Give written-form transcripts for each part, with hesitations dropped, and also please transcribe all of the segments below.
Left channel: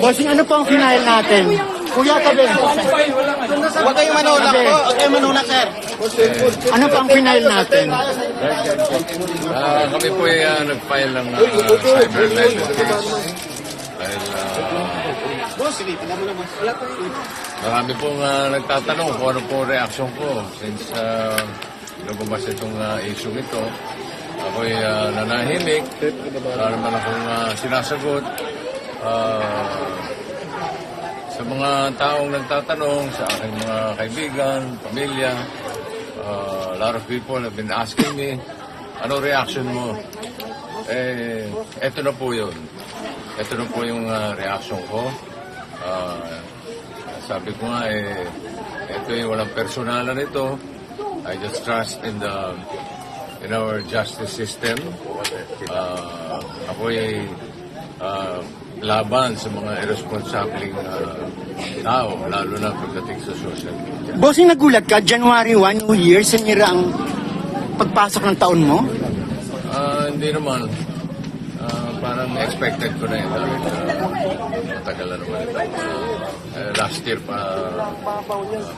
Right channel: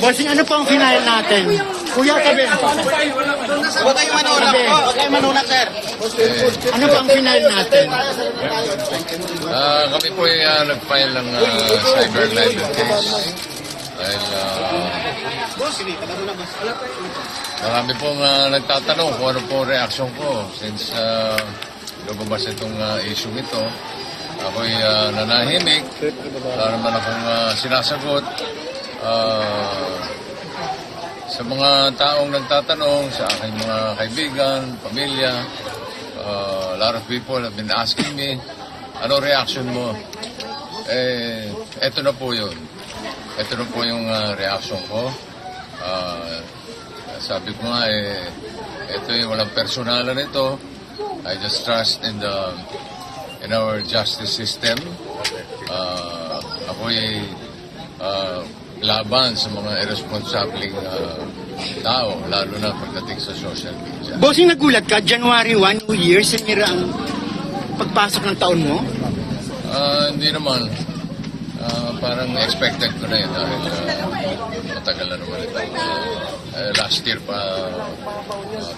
Bossing, ano po ang final natin? Kuya, tabi. Huwag kayong manuna, sir. Ano po ang final natin? Kami po ay nag-file ng cyber libel case. Dahil marami pong nagtatanong kung ano po reaksyon ko since lumabas itong issue ito. Ako'y nanahimik. Wala naman akong sinasagot. Sa mga taong nagtatanong, sa aking mga kaibigan, pamilya, a lot of people have been asking me, ano reaction mo? Eto na po yun. Ito na po yung reaction ko. Sabi ko nga, ito yung walang personalan ito. I just trust in our justice system. Ako ay laban sa mga irresponsibleng tao, lalo na pagdating sa social media. Bossing, nagulat ka, January 1, New Year, sinira ang pagpasok ng taon mo? Hindi naman. Parang expected ko na yun dahil matagal na naman ito. Last year pa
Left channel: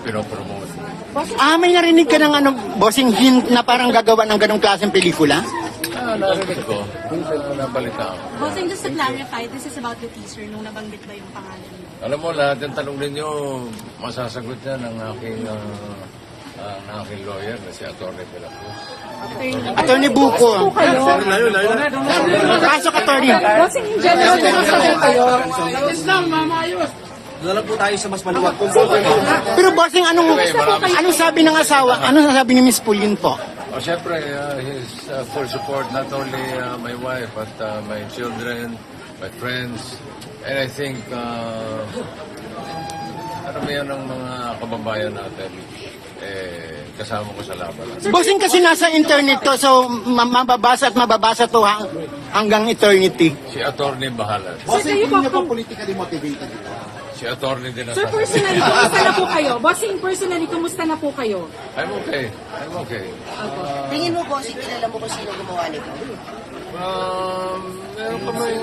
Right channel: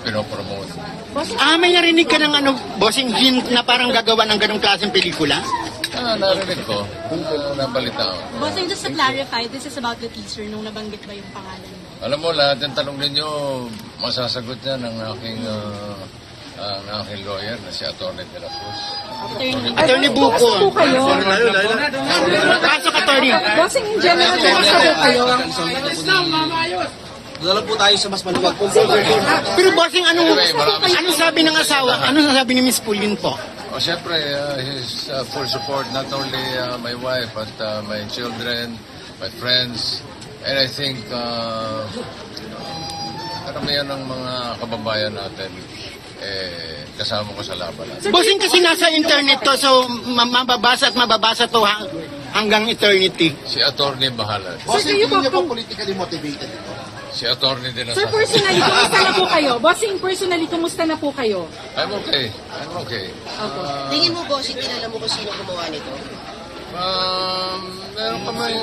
pinopromote. May narinig ka ng bossing, hint na parang gagawa ng ganong klaseng pelikula? Narinig ko. Nabalita ako. Bossing, just to clarify, this is about the teaser nung nabanggit ba yung pangalan mo? Alam mo, lahat yung tanong ninyo, masasagot yan ng aking lawyer na si Atty. De la Cruz. Attorney Buko. Pasok, Attorney. Bossing, in general, kayo. Dala po tayo sa mas maluwag. Pero bossing, ano sabi ng asawa? Ano sabi ni Miss Pauline po? Siyempre, his full support, not only my wife, but my children, my friends, and I think karamihan ng mga kababayan natin kasama ko sa laban. Bossing, kasi nasa internet to, so mababasa at mababasa to hanggang eternity. Si attorney bahala. Bossing, hindi niyo po politically motivated ito. Si attorney din Sir, personally, kumusta na po kayo? Bossing, personally, kumusta na po kayo? I'm okay. Tingin mo, bossing, kilala mo kung sino gumawa nito? Meron pa may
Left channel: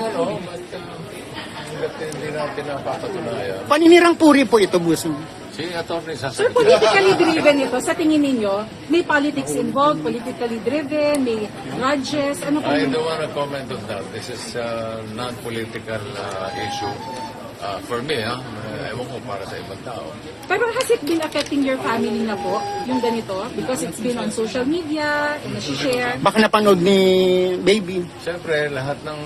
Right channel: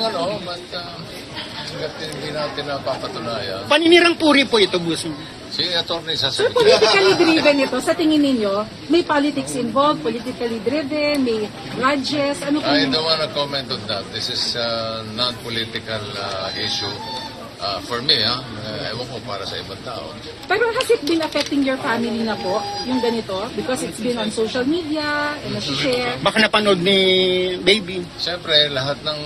but hindi natin napapatunayan. Paninirang puri po ito, bossing. Si attorney Sir, sasagot. politically driven ito, sa tingin ninyo, may politics involved, politically driven, may grudges, ano po? I don't want to comment on that. This is a non-political issue. For me, ewan ko para sa ibang tao. Pero has it been affecting your family na po, yung ganito? Because it's been on social media, share. Baka napanood ni baby. Siyempre, lahat ng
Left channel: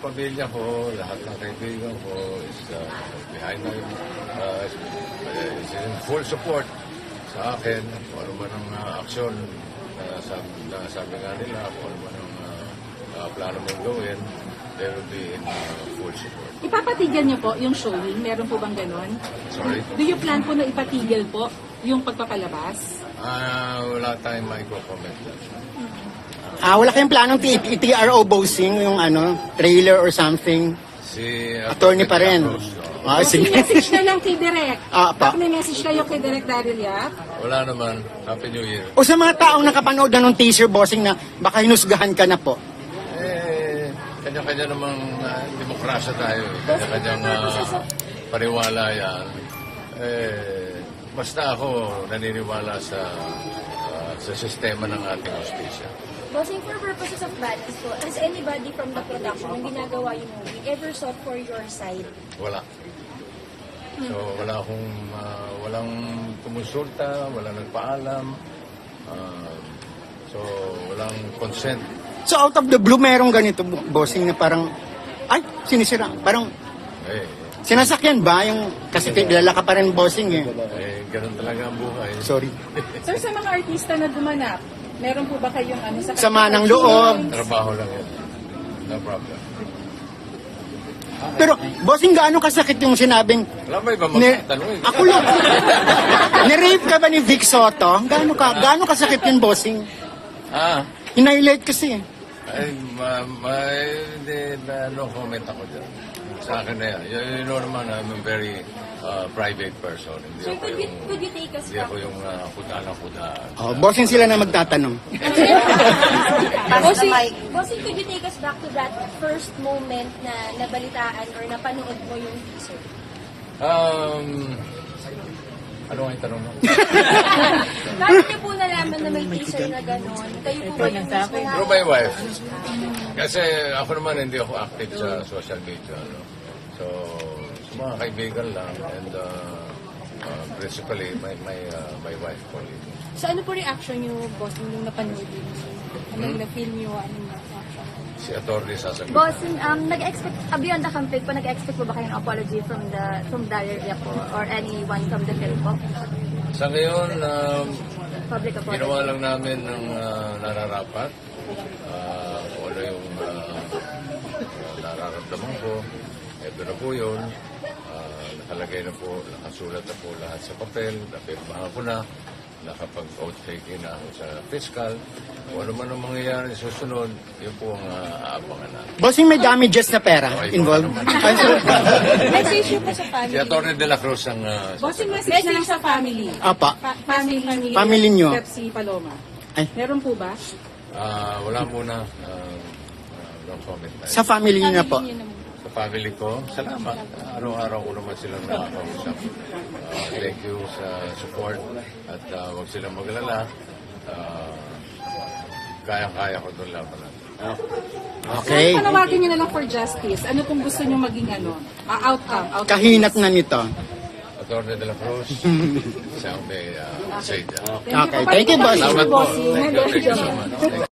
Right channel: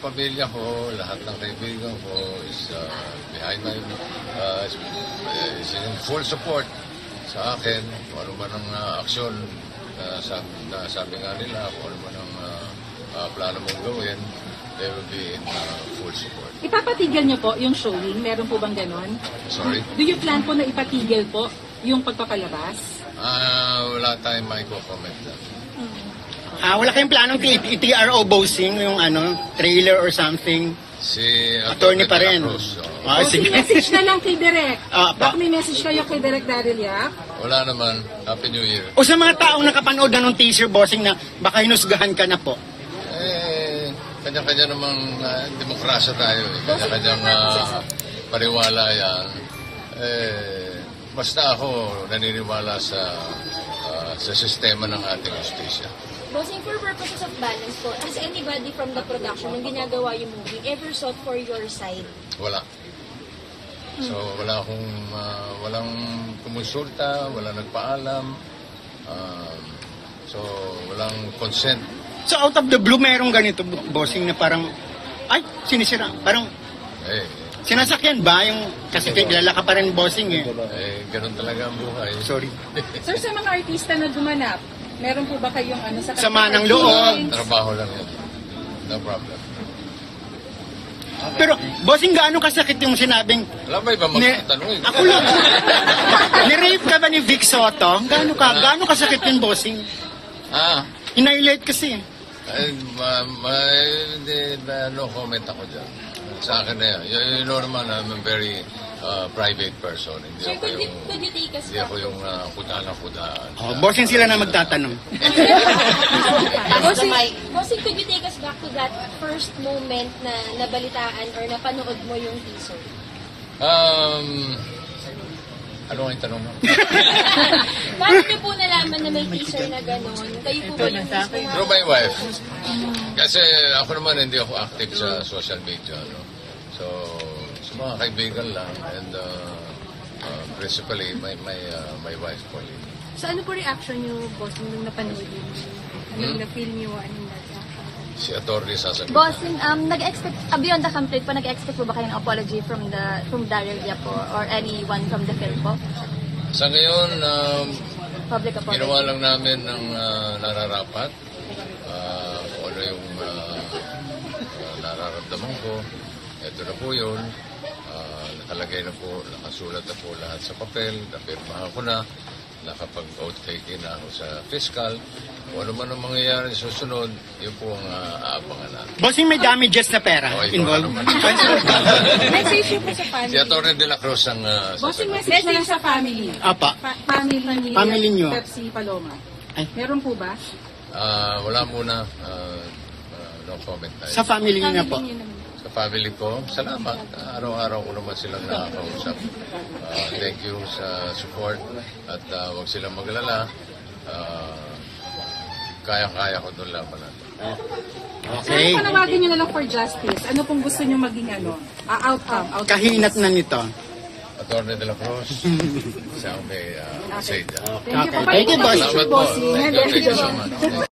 pamilya ko, lahat ng kaibigan ko is behind my, is in full support sa akin. Kung ano man ang aksyon na sabi nga nila, kung ano man ang plano mong gawin, they will be in full support. Ipapatigil niyo po yung showing? Meron po bang ganon? Sorry? Do you plan po na ipatigil po yung pagpapalabas? Wala tayong comment dyan. Wala kayong planong i-TRO bossing, yung trailer or something? Si Attorney pa rin. Sige. Message na lang kay Direk. Pa. May message kayo kay Direk Daryl Yap? Wala naman. Happy New Year. O sa mga taong nakapanood na ng teaser bossing na baka hinusgahan ka na po? Kanya-kanya namang demokrasya tayo. Kanya-kanyang paniwala yan. Basta ako naniniwala sa sistema ng ating justisya. Bossing, for purposes of balance po, has anybody from the production nang ginagawa yung movie ever sought for your side? Wala. So walang kumonsulta, walang nagpaalam. So walang consent. So out of the blue, merong ganito bossing na parang, sinisira. Parang, sinasakyan ba yung, kasi kilala ka pa rin bossing Ganun talaga ang buhay. Sorry. Sir, sa mga artista na gumanap, meron po ba kayong sa sama ng loob? Trabaho lang yan. No problem. Pero, bossing, gaano kasakit yung sinabing, Wala ba iba magtatanong? ako lang, nirape ka ba ni Vic Soto? Gaano kasakit yung bossing? Inailate kasi. No comment ako dyan. Sa akin na yan. You know naman, I'm a very private person. Hindi Sir, ako yung could you take us hindi ako yung kudaan. Oh, bossing sila na magtatanong. Bossing, Bossing, could you take us back to that first moment na nabalitaan or napanood mo yung teaser? Ano ang tanong mo? Paano niyo po nalaman na may teaser na gano'n? Kayo po ba yung mismo? Through my wife. Kasi ako naman hindi ako active sa social media. No? So, sa mga kaibigan lang and principally my wife Pauline. So ano po reaction niyo, boss, nung napanood yun? Anong na-feel niyo? Anong reaction? Si Atty. sasagot. Bossing, nag-expect, beyond the campaign po, nag-expect po ba kayong apology from Daryl Villa po or anyone from the film po? Sa ngayon, Public apology. ginawa lang namin ng nararapat. Kung ano yung nararamdaman ko. Ito na po yun. Nakalagay na po, nakasulat na po lahat sa papel. Napirmahan ko na. Nakapag-oath taking na ako sa fiscal. Kung ano man ang mangyayari susunod, yun po ang aabangan natin. Bossing, may damages na pera Okay, involved. ikaw Message niyo po sa Si family. Atty. De La Cruz ang Bossing, sasagot. message na lang sa family. Apa. Family niyo. Pepsi Paloma. Ay. Meron po ba? Wala muna. No comment tayo. Sa family niyo na po. Niyo naman. Sa family ko, salamat. Araw-araw ko naman silang nakakausap. Thank you sa support at huwag silang maglala. Kaya-kaya ko doon laban natin. Okay. Ano panawagin niyo na lang for justice? Ano kung gusto niyo maging outcome? Kahinat na nito. Atty. De La Cruz, siya ang may say dyan. Okay. Thank you, boss. Salamat po. Thank you so much.